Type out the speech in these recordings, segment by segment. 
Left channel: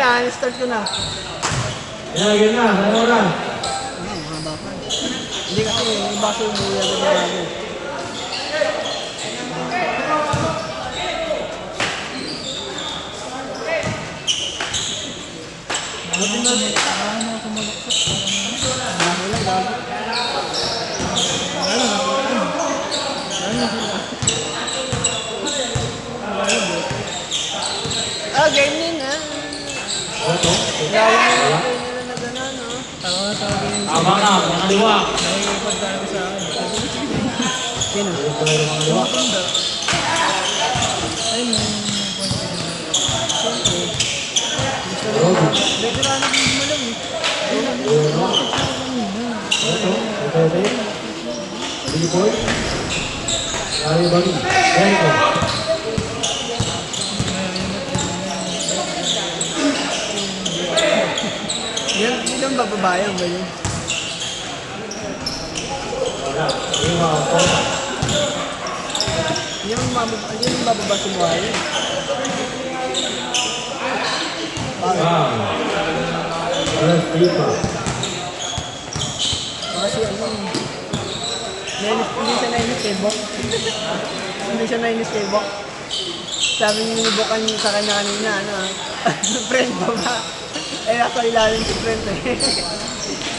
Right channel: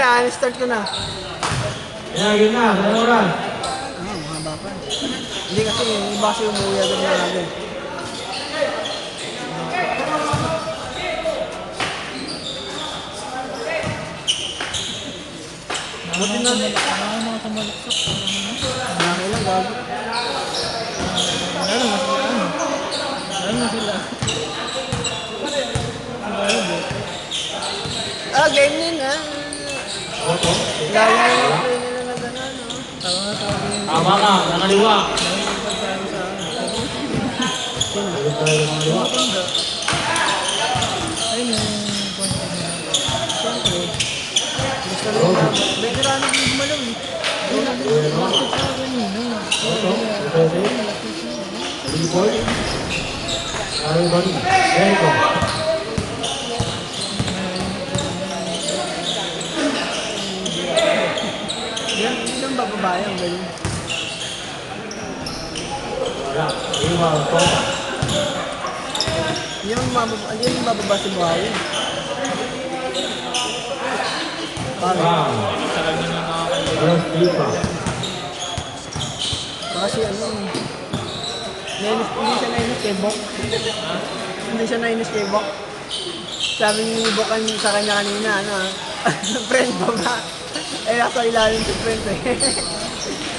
na, start ko na. Pinagin na, sa oras. Haba pa. Hindi kasi, yung baso umuwi agad na agad. Dami lang, gago. Ah, gaming ah. Oto. Lalo na yung gano'n, no? Tama na, nakaliwa. Sino? Ayun na. Dekorano ko yung malong eh. Oto. Oto. B-boy. Lari bagi. Jericho. Yan ba babayang ba yun? Lima. Oto. Yung mababa si buhay. Bang. Alas Pipa. Kasi ano, hindi siya nainis kay Bok. Hindi siya nainis kay Bok. Sabi ni Bokan sa kanya kanina, ano, friend ba ba? Eh, nasa ilalim si friend eh.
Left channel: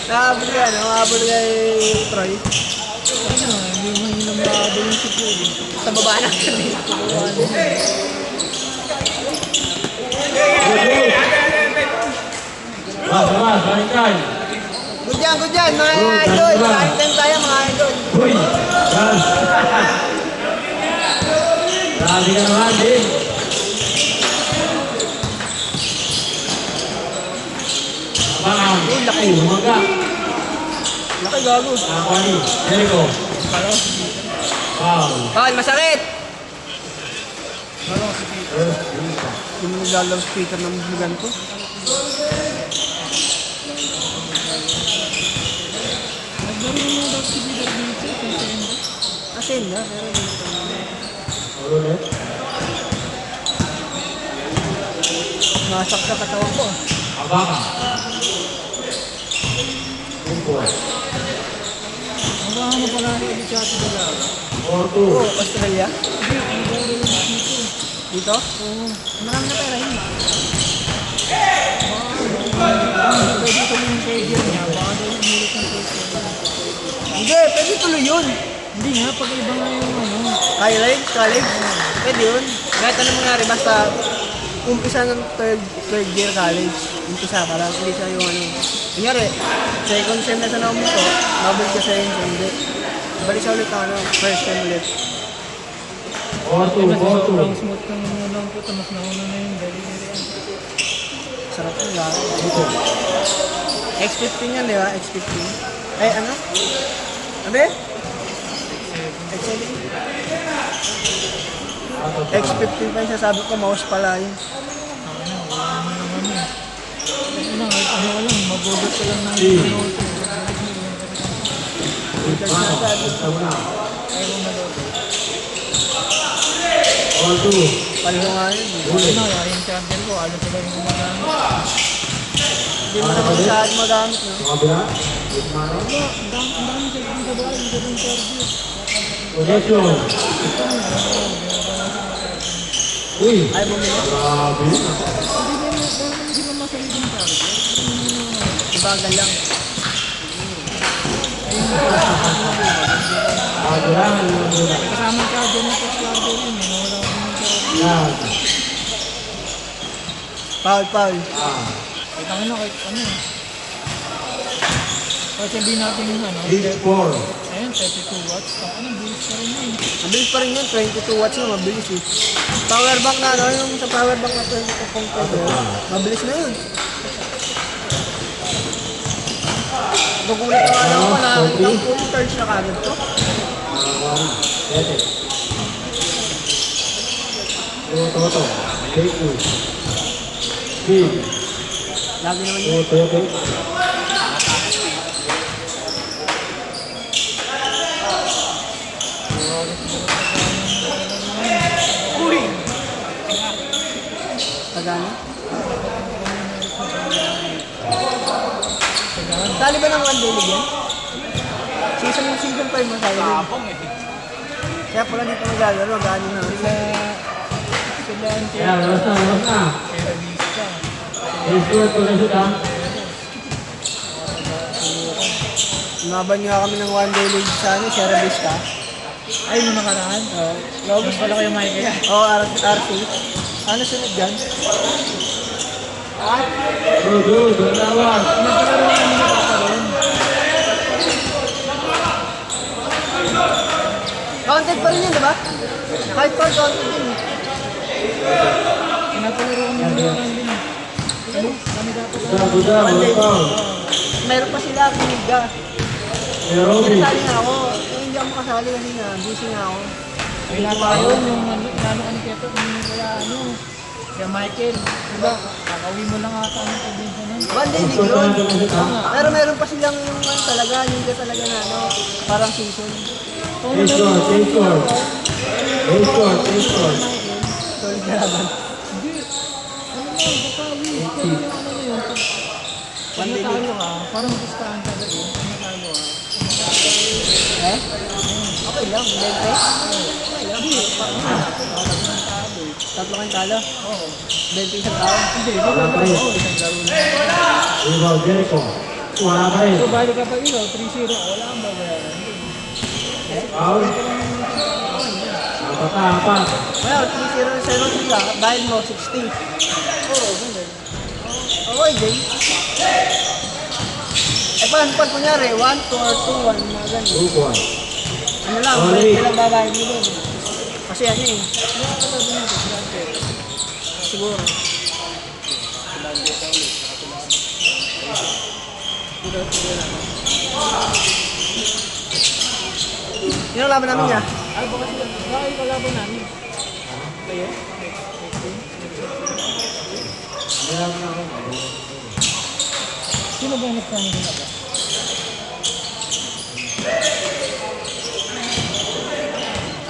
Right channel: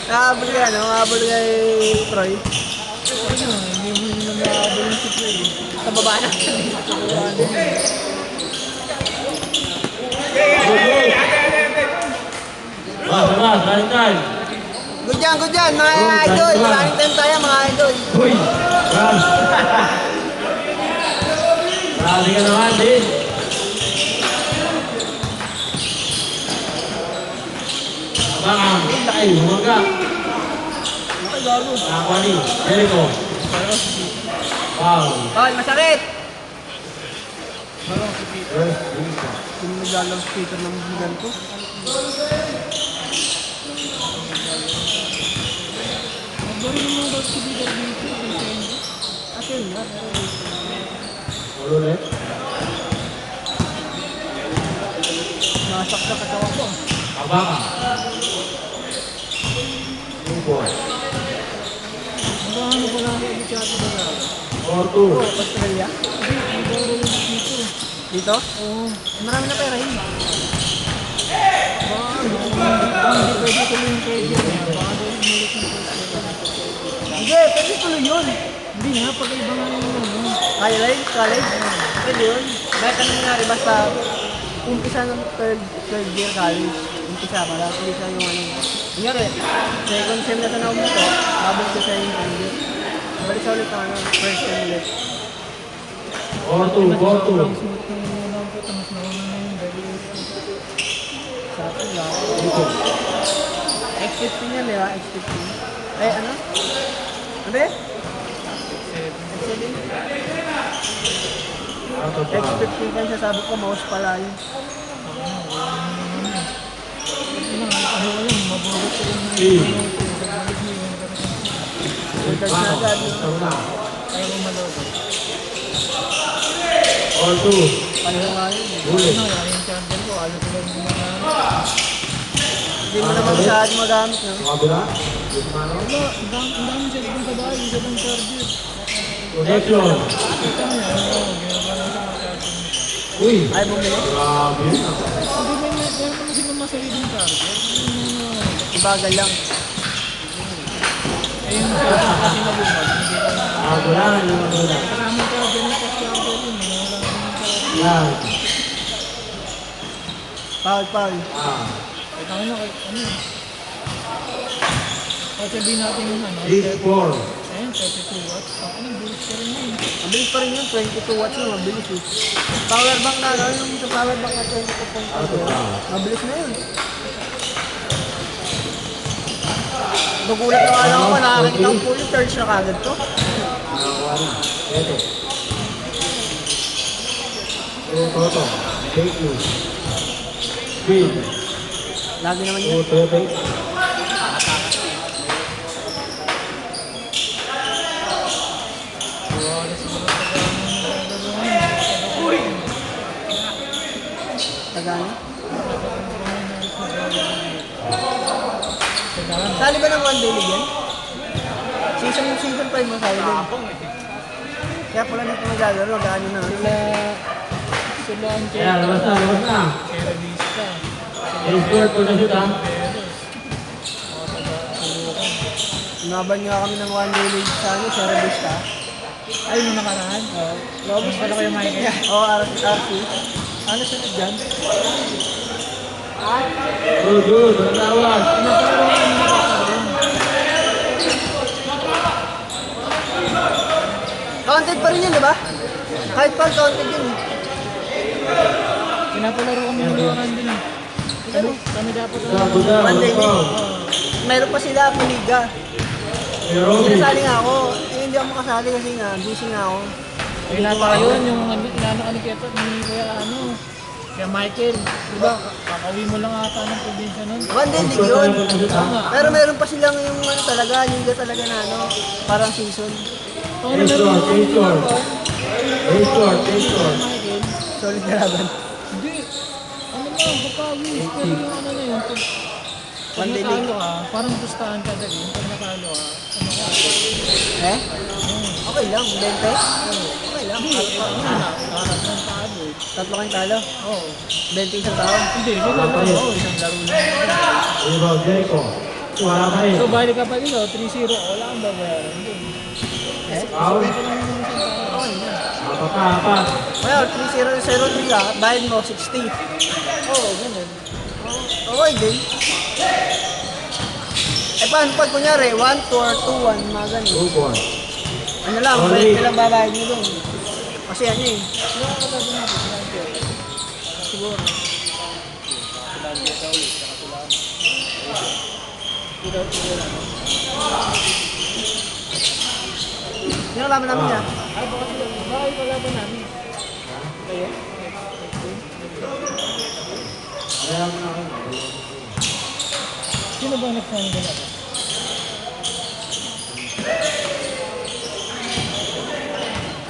Nakahabol ka, no? Nakahabol kay Troy. Ano, hindi mo nila makahabol yung si Troy. Sa baba na. Sa baba na. Bang. Good yan, mga idol. Content tayo, mga idol. Uy! Bang! Grabe ka naman din. Bang! Ay, humaga. Laki gago. Nakakali. Jericho. Bang! Bakit masakit? Yung naglalang speaker ng higan ko. Nagbarin mo daw si Bidar dito. Asin na. Ulit. Nasakta ka ko. Abang. B-boy. Ano pala ulit sa ating dala? Oto. Australia? Dito? Oo. Marami na tayo rin. Hindi pwede tuloy yung pwede. Baka doon umulit yung pwede. Hindi, pwede tuloy yun. Hindi nga, pag ibang ano. College? Pwede yun. Kahit anong nangyari, basta umpisa ng third year college. Umpisa ka lang. Hindi siya yung ano. Kunyari, second sem na tanaw mo to, babalik ka sa yung third. Balik siya ulit ano, first sem ulit. Oto. Ang smooth na naman ang puto, mas nauna na yung dali. Sa akin lang. Dito. X15 yan, di ba? X15. Ay, ano? Ano X7? X15 pa yung sasabi ko, mouse pala yun. Mabugot ko lang Bang. Basta mo na. Oto. Pareho nga yun. Ulit. Yung champion ko, alis ko lang yung mga hindi mo Ano naman ulit? masyadong madami ko. Yung kabila. Yung mano. Ang dami siya dun sa daan, yung dun interview. Connection. Uy. Ay, bumili. Grabe. Hindi mo masaligin ka. Ibagal lang. Bago lang. Kasama ka dyan ang post-clubber yun. Yan. Paul. Ah. Ay, tanga na, ano. Kahit sabihin natin yun, ano. Big 4. Ayun, 32 watts. Ano, bilis pa rin yun. Mabilis pa rin yun, 22 watts yun, mabilis eh. Power bank na, ano yung sa power bank na 22.5. Mabilis na yun. Nagulat ako na ako na fully charge na kagad to. Wari. Pwede. Toto. Fake news. Speed. Lagi naman yun. Pwede. Tagana? Sali ba ng one day league yan? Season 5 mo sali din. Kaya pala dito maglalaro, gaano na. Sila ang Kaya, labas na, labas na. Escort ko na shoot, ha? Naban nga kami ng one day league sa Sierra Vista. Ay, yung nakaraan? Oo. Robos pala kayo Michael? Oo, RC. Ano sila dyan? Good, ang tawag. Counted pa rin yun, diba? Kahit pa counted yun. Pinapalaro mo yung mga din. Ano? Kami dapat Buda, wala pa. meron pa sila, Piniga. Kuya Robby. Kasali nga ako. Hindi ako makasali kasi nga, busy nga ako. Pinatayon yung ano kaya kaya Michael, diba? Kakawin mo lang ata ng probinsya nun. One day league Escort na yun. lang ko na shoot, ha? Pero meron pa silang ano talaga, liga talaga na ano, parang season. Escort, escort. Escort, escort. Solid na laban. Hindi. Ano yun? One day league. Parang gustahan ka rin. Pagkakalo Eh? Okay lang, bente. Okay lang. Tatlo kang talo. Bente isang tao. Hindi, Wala pa rin. isang laro lang. Rebound, Jericho. Wala pa rin. So, balik ka pa rin, 3-0. Wala kang babayaran. Foul. Apat na, apat. Well, 3-0-7 lang. Bayad mo, 60. Oo, ganun. Okay, din. Eh, paano pag kunyari, 1-4, 2-1, mga ganun. 2-1. Ano lang, Solid. kailang babayad mo doon. Kasi ano eh. Nakakalaban natin, siguro. Yun ang laban namin niya. Ay, baka yung kalaban namin. Kayo? Alam na ako. Sino ba yung next namin galaban?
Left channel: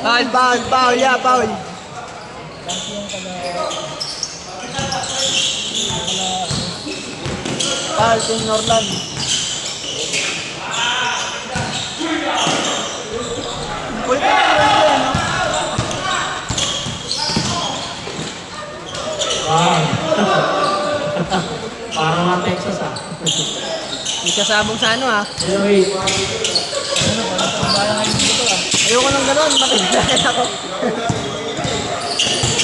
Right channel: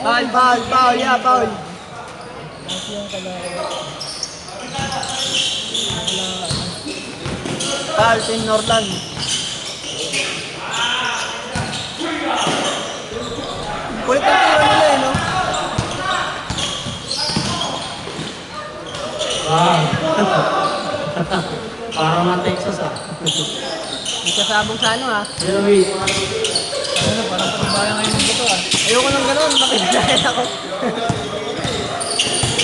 Bawal, yeah, bawal. Kasi yung kalaban. Bawal, Team Northland. Kulit ang tira nila eh, no? Ah. Para ma-Texas, ha? Hindi kasabog sa ano ah. Jeremy. Ano, parang pambala ngayon dito ah. Ayoko ng gano'n, makikilala ako.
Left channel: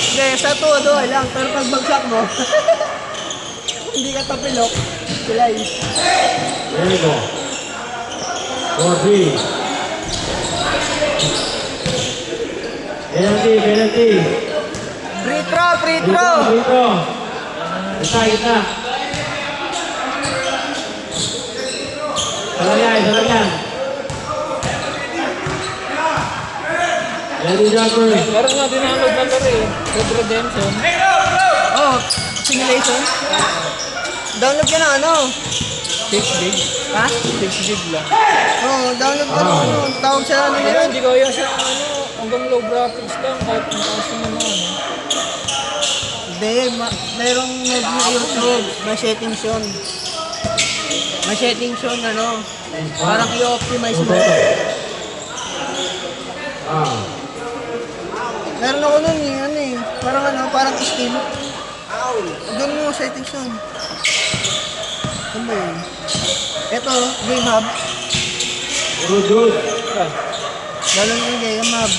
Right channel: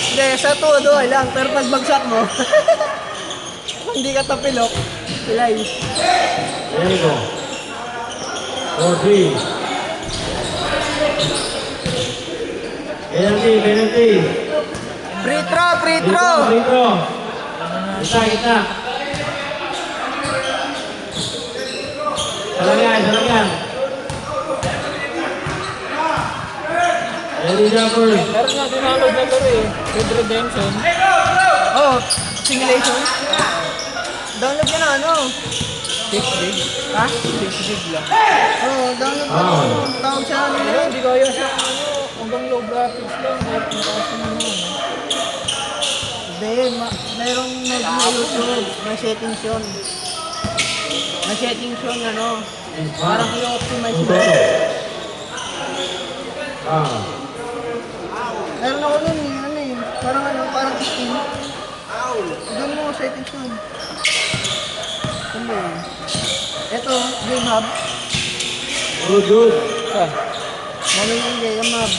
Hindi, sa todo ay lang, pero pag bagsak mo, kung hindi ka tapilok, silay. Jericho. 4-3. Penalty, penalty. Free throw, free Dito, throw! dito. Isa, isa. Isa lang yan, isa lang yan. Ready, jumper. Meron nga dinaload na laro eh. Red Redemption. Oh, simulation. Download ka na ano? 6 gig. Ha? 6 gig lang. Oo, download ka na ano. Tawag sa ano Pero yun. hindi ko ayos. Hanggang low graphics lang kahit mataas naman yun. Hindi, merong mode na YouTube. May settings yun. May settings yun, ano. Parang i-optimize mo. Ah. Meron ako nun eh, ano eh. Parang ano, parang Steam. Doon mo settings yun. Ano ba yun? Ito, Game Hub. Good, good. Ganun yung Game Hub.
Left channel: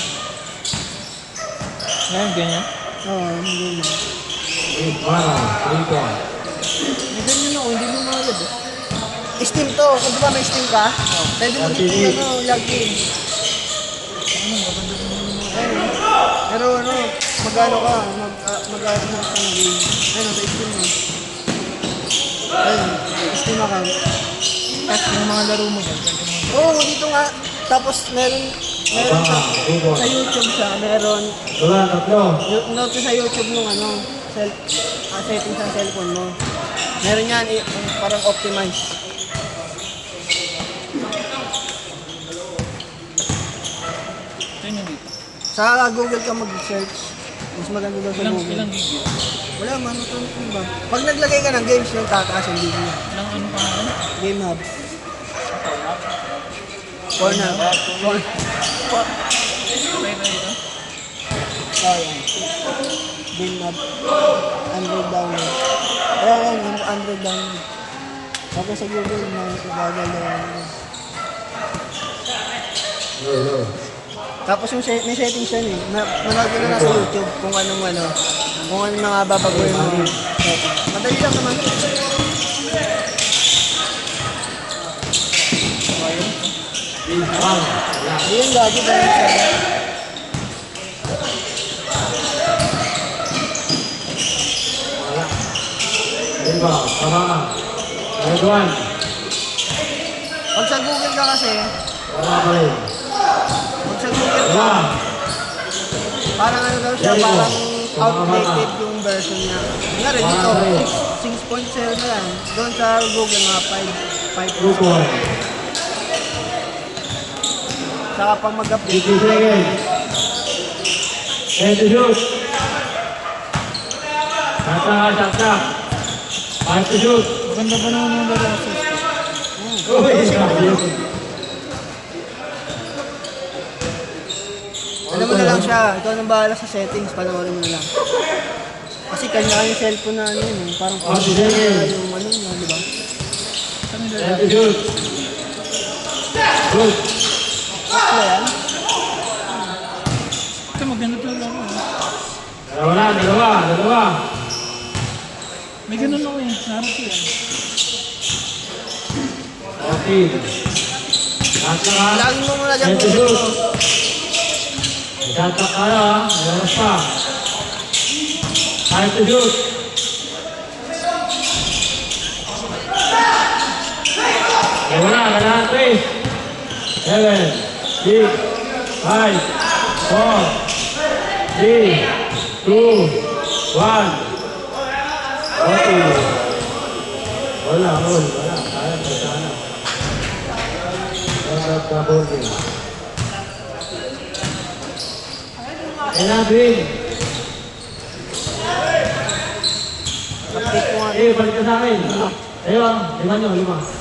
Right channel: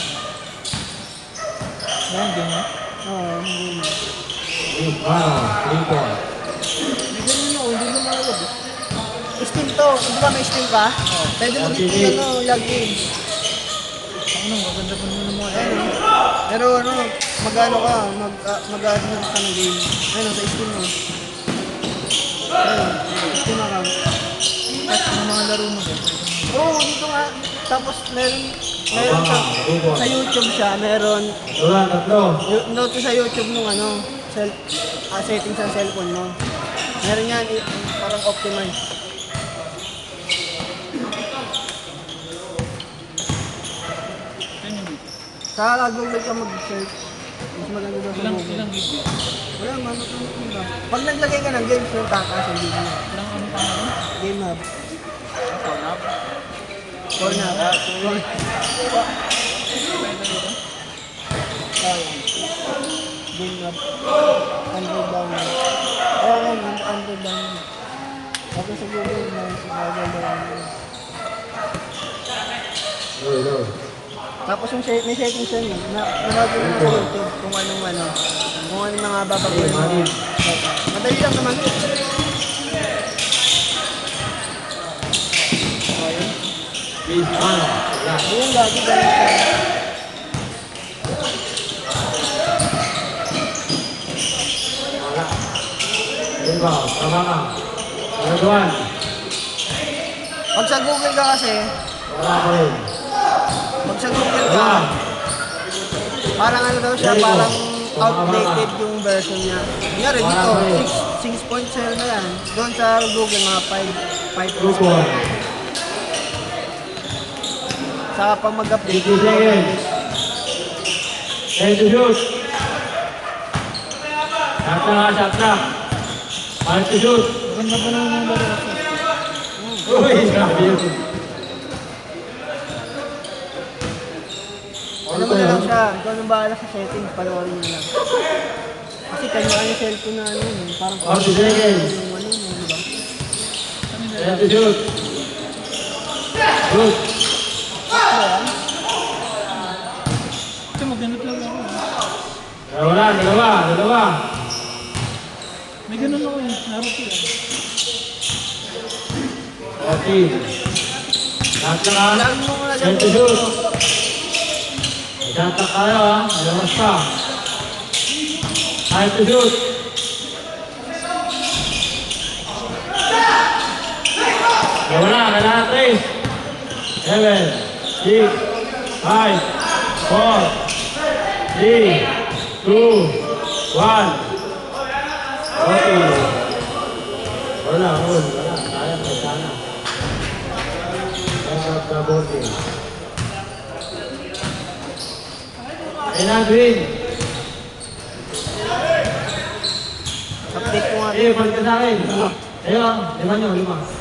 Yan, ganyan. Oo, Game Hub. Mano, 3 point. Hindi ganyan yung hindi mo mawag eh. Steam to. Kung ba may Steam ka? Pwede mo LTV. ano, login. Pero ano, mag-ano ka, mag-ano ka ng game. Ano, sa Steam mo. Ayun, Steam account. At yung mga laro mo din. Oo, dito nga. Tapos meron Abangan, 2 sa point. YouTube siya, meron Dua, tatlo. note sa YouTube nung ano, setting sa cellphone mo. Meron yan, parang optimize. Yun yung dito. Sa Google ka mag-search. Mas maganda daw sa Ilang Google. video? Wala man, ano ba? Pag naglagay ka ng games, yung takas, hindi mo. Ilang ano pa nga? Game Hub. Corner. Game up. 100 down. Ayan, 100 down. Okay sa Google, may ibagal na. Low. Tapos yung may settings yan eh. Manood ka na sa YouTube kung anong mga babaguhin mo. Madali lang naman. Is one. Ayun, lagi dahil siya. Wala. Rebound. Tabangan. Third one. Pag sa Google ka kasi, Wala pa rin. pag sa Google ka, Wala. parang ano daw siya, parang outdated yung version niya. Nga rin dito, 6.0 na yan. Doon sa Google, mga 5. 2 point. Saka pag mag-update, 50 seconds. 10 to shoot. Shot na. 5 to shoot. Ganda pa naman yung number of Uy, grabe yun. ano mo na lang siya, ikaw nang bahala sa settings, panoorin mo na lang. Kasi kanya yung cellphone na ano yun, parang 40 seconds. yung ano yun, di ba? 10 to shoot. Shoot. So yan, Ito maganito lang ako. Dalawa. May ganun ako eh. Sa harap ko yan. Okay. Shot na. lagi mo muna dyan 10 to shoot. Shot na kayo ha. Malamas pa. 5 to shoot. Wala na 3. 7, 6, 5, 4, 3, 2, 1. Okay. Wala. Kaya pa sana. Shot na ball. Green. update ko nga. Balik ka sa akin. Ayun, 5.